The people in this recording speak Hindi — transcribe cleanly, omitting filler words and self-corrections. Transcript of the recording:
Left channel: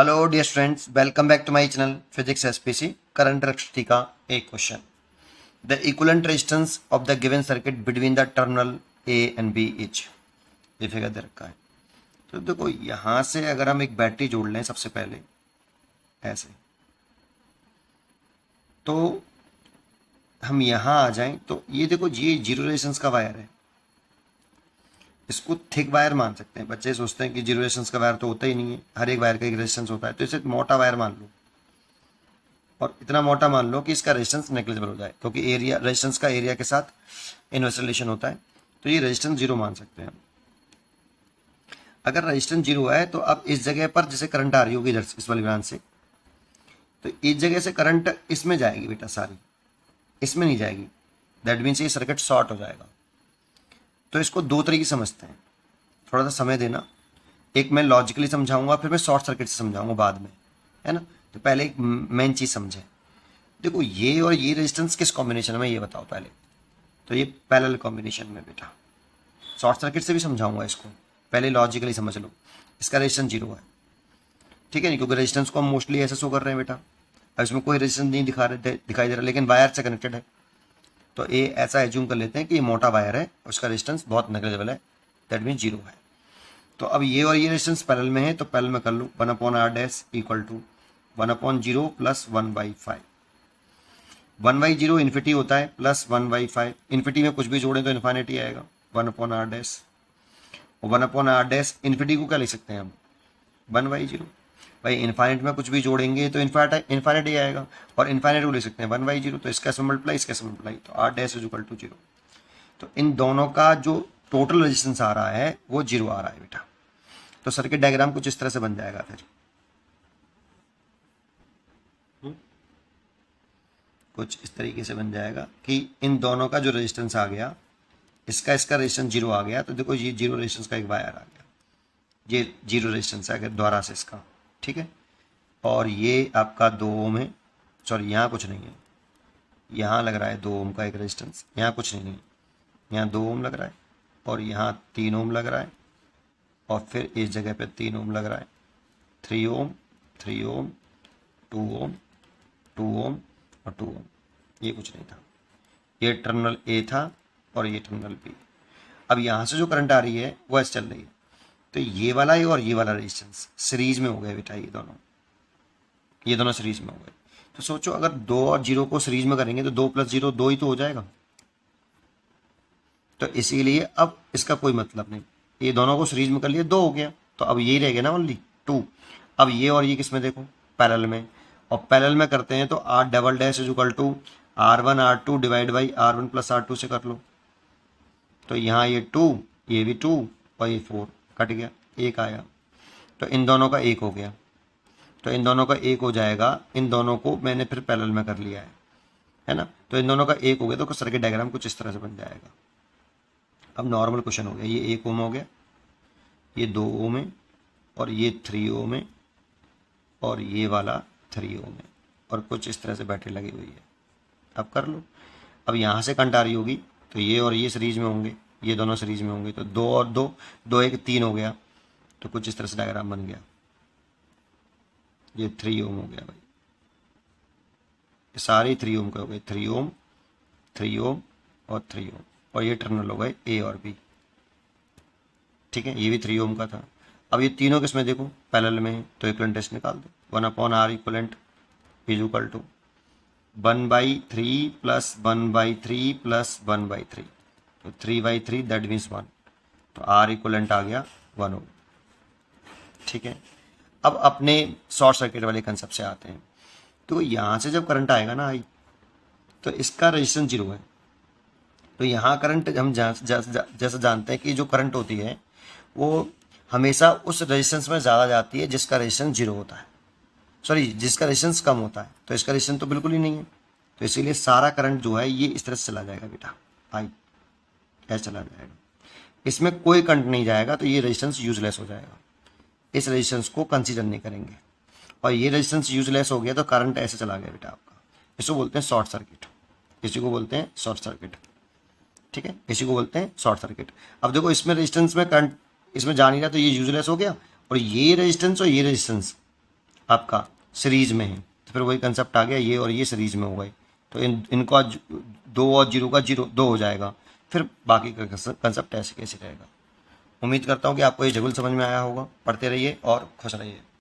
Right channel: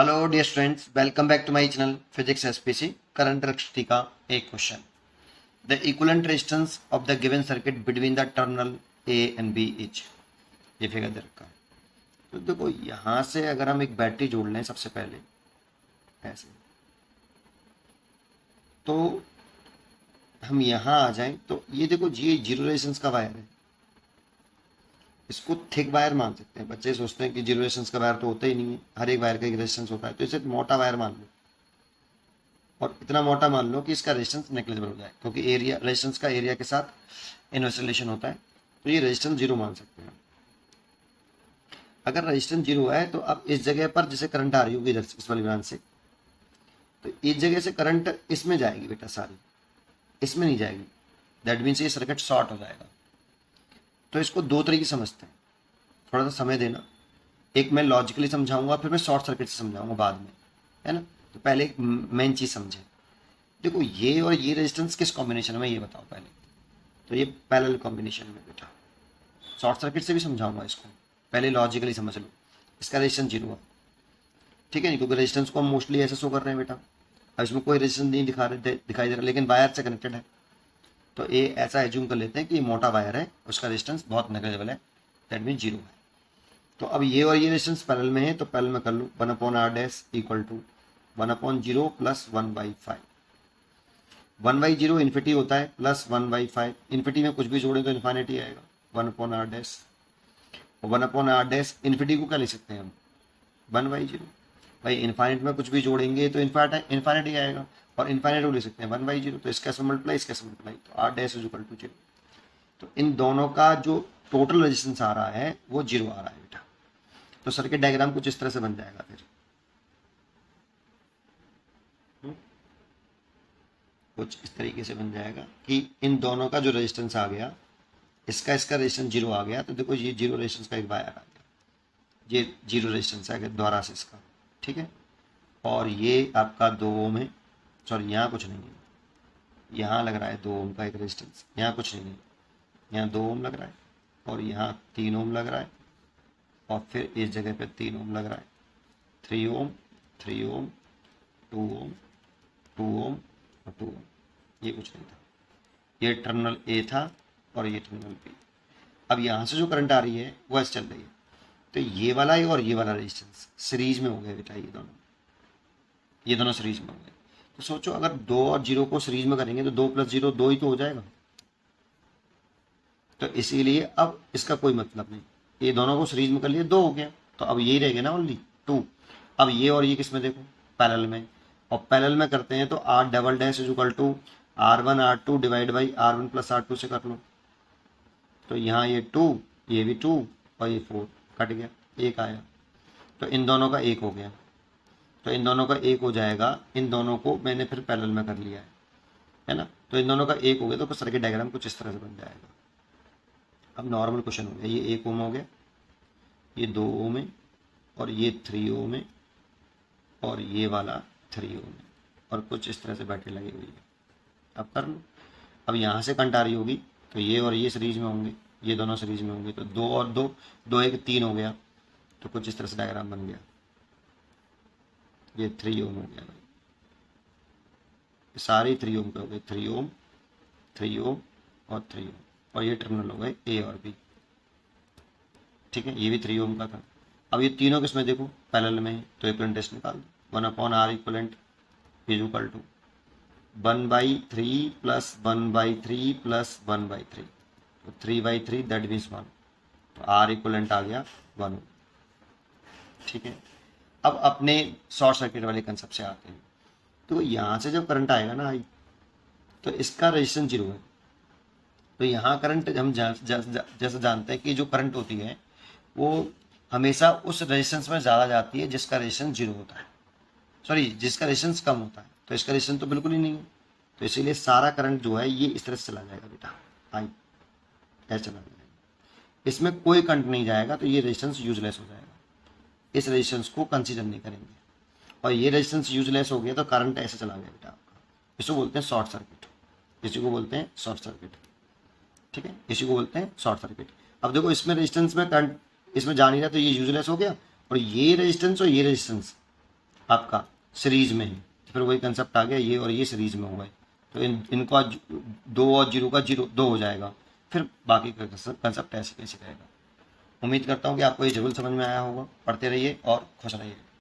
Hello dear students, welcome back to my channel physics SPC. Current electricity का एक question. The equivalent resistance of the given circuit between the terminal A and B is. ये फिगर दे रखा है। तो देखो यहाँ से अगर हम एक बैटरी जोड़ लें सबसे पहले ऐसे, तो हम यहाँ आ जाएं तो ये देखो ये जीरो रेजिस्टेंस का वायर है। इसको थिक वायर मान सकते हैं। बच्चे सोचते हैं कि जीरो रेजिस्टेंस का वायर तो होता ही नहीं है, हर एक वायर का एक रेजिस्टेंस होता है, तो इसे मोटा वायर मान लो और इतना मोटा मान लो कि इसका रेजिस्टेंस नेग्लिजिबल हो जाए, क्योंकि एरिया रेजिस्टेंस का एरिया के साथ इनवर्स रिलेशन होता है। तो ये रेजिस्टेंस जीरो मान सकते हैं। अगर रेजिस्टेंस जीरो है तो अब इस जगह पर जैसे करंट आ रही होगी इधर इस वाली ब्रांच से, तो इस जगह से करंट इसमें जाएगी बेटा, सारी इसमें नहीं जाएगी। दैट मीन्स ये सर्किट शॉर्ट हो जाएगा। तो इसको दो तरीके से समझते हैं, थोड़ा सा समय देना। एक मैं लॉजिकली समझाऊंगा, फिर मैं शॉर्ट सर्किट से समझाऊंगा बाद में, है ना। तो पहले एक मेन चीज़ समझे। देखो ये और ये रेजिस्टेंस किस कॉम्बिनेशन में, ये बताओ पहले। तो ये पैरेलल कॉम्बिनेशन में बेटा। शॉर्ट सर्किट से भी समझाऊंगा इसको, पहले लॉजिकली समझ लो। इसका रेजिस्टेंस जीरो है, ठीक है नहीं, क्योंकि रेजिस्टेंस को हम मोस्टली ऐसे शो कर रहे हैं बेटा। अब इसमें कोई रेजिस्टेंस नहीं दिखाई दे रहा, लेकिन वायर से कनेक्टेड है। तो ये ऐसा एज्यूम कर लेते हैं कि ये मोटा वायर है, उसका रेजिस्टेंस बहुत नेग्लिजिबल है, दैट मीन जीरो है। तो अब ये और ये रेजिस्टेंस पैरेलल में है, तो पैरेलल में कर लो। 1/r equal to 1/0 plus 1/5। 1/0 infinity होता है, प्लस 1/5। इन्फिनिटी में कुछ भी जोड़ें तो इन्फिनिटी आएगा। 1/r और 1/r इन्फिनिटी को क्या लिख सकते हैं हम, 1/0। भाई इन्फाइनाइट में कुछ भी जोड़ेंगे तो इन्फिनिटी आएगा, और इन्फिनिटी को लिख सकते हैं 1/0। तो इसका से मल्टीप्लाई, इसका से मल्टीप्लाई, तो r' इज इक्वल टू 0। तो इन दोनों का जो टोटल रेजिस्टेंस आ रहा है वो जीरो आ रहा है बेटा। तो सर्किट डायग्राम कुछ इस तरह से बन जाएगा फिर, कुछ इस तरीके से बन जाएगा कि इन दोनों का जो रेजिस्टेंस आ गया, इसका रेजिस्टेंस जीरो आ गया। तो देखो ये जीरो रेजिस्टेंस का एक वायर आ गया, ये जीरो रेजिस्टेंस है अगर द्वारा से इसका, ठीक है। और ये आपका 2 ओम है, सॉरी यहाँ कुछ नहीं है, यहाँ लग रहा है 2 ओम का एक रेजिस्टेंस, यहाँ कुछ नहीं है, यहाँ 2 ओम लग रहा है, और यहाँ 3 ओम लग रहा है, और फिर इस जगह पे 3 ओम लग रहा है। 3 ओम, 3 ओम, 2 ओम, 2 ओम और 2 ओम। ये कुछ नहीं था, ये टर्मिनल ए था और ये टर्मिनल बी। अब यहाँ से जो करंट आ रही है वो ऐसे चल रही है, तो ये वाला है और ये वाला रेजिस्टेंस सीरीज में हो गए बेटा। ये दोनों सीरीज में हो गए। तो सोचो अगर 2 और 0 को सीरीज में करेंगे तो 2 + 0 2 ही तो हो जाएगा। तो इसीलिए अब इसका कोई मतलब नहीं, ये दोनों को सीरीज में कर लिए 2 हो गया, तो अब यही रह गया ना ओनली 2। अब ये और ये किस में देखो, पैरेलल में, और पैरेलल में करते हैं तो r" is equal to r1 r2 divide by r1 plus r2 से कर लो। तो यहाँ ये 2, ये भी 2 और ये 4 कट गया, एक आया। तो इन दोनों का एक हो गया, तो इन दोनों का एक हो जाएगा। इन दोनों को मैंने फिर पैरेलल में कर लिया है ना। तो इन दोनों का एक हो गया, तो सर्किट डायग्राम कुछ इस तरह से बन जाएगा। अब नॉर्मल क्वेश्चन हो गया, ये 1 ओम हो गया, ये 2 ओम है, और ये 3 ओम है, और ये वाला 3 ओम है, और कुछ इस तरह से बैटरी लगी हुई है। अब कर लो। अब यहाँ से करंट आ रही होगी, तो ये और ये सीरीज में होंगे, ये दोनों सीरीज में होंगे, तो 2 और 2, 2 1 3 हो गया। तो कुछ इस तरह से डायग्राम बन गया। ये 3 ओम हो गया भाई, ये सारे 3 ओम के हो गए, 3 ओम, 3 ओम और 3 ओम, और ये टर्मिनल हो गए ए और बी, ठीक है। ये भी 3 ओम का था। अब ये तीनों किसमें देखो, पैरेलल में है, तो इक्विवेलेंट टेस्ट निकाल दो। 1/r equivalent is equal to 1/3 plus 1/3 plus 1/3, तो 3/3 दैट मीन्स 1। तो आर इक्विवेलेंट आ गया 1 ओम, ठीक है। अब अपने शॉर्ट सर्किट वाले कंसेप्ट से आते हैं। तो यहाँ से जब करंट आएगा ना आई, तो इसका रेजिस्टेंस जीरो है। तो यहाँ करंट हम जैसे जानते हैं कि जो करंट होती है वो हमेशा उस रेजिस्टेंस में ज़्यादा जाती है जिसका रेजिस्टेंस जीरो होता है, सॉरी जिसका रेजिस्टेंस कम होता है। तो इसका रेजिस्टेंस तो बिल्कुल ही नहीं है, तो इसीलिए सारा करंट जो है ये इस तरह से चला जाएगा बेटा, आई ऐसे चला जाएगा। इसमें कोई करंट नहीं जाएगा, तो ये रेजिस्टेंस यूजलेस हो जाएगा। इस रेजिस्टेंस को कंसीडर नहीं करेंगे, और ये रेजिस्टेंस यूजलेस हो गया तो करंट ऐसे चला गया बेटा आपका। इसको बोलते हैं शॉर्ट सर्किट, इसी को बोलते हैं शॉर्ट सर्किट, ठीक है, इसी को बोलते हैं शॉर्ट सर्किट। अब देखो इसमें रेजिस्टेंस में करंट इसमें जा नहीं रहा, तो ये यूजलेस हो गया, और ये रेजिस्टेंस और ये रेजिस्टेंस आपका सीरीज में है, तो फिर वही कंसेप्ट आ गया, ये और ये सीरीज में हो गए, तो इनको 2 और 0 का 0 2 हो जाएगा, फिर बाकी का कंसेप्ट ऐसे कैसे रहेगा। उम्मीद करता हूँ कि आपको ये जगुल समझ में आया होगा। पढ़ते रहिए और खुश रहिए।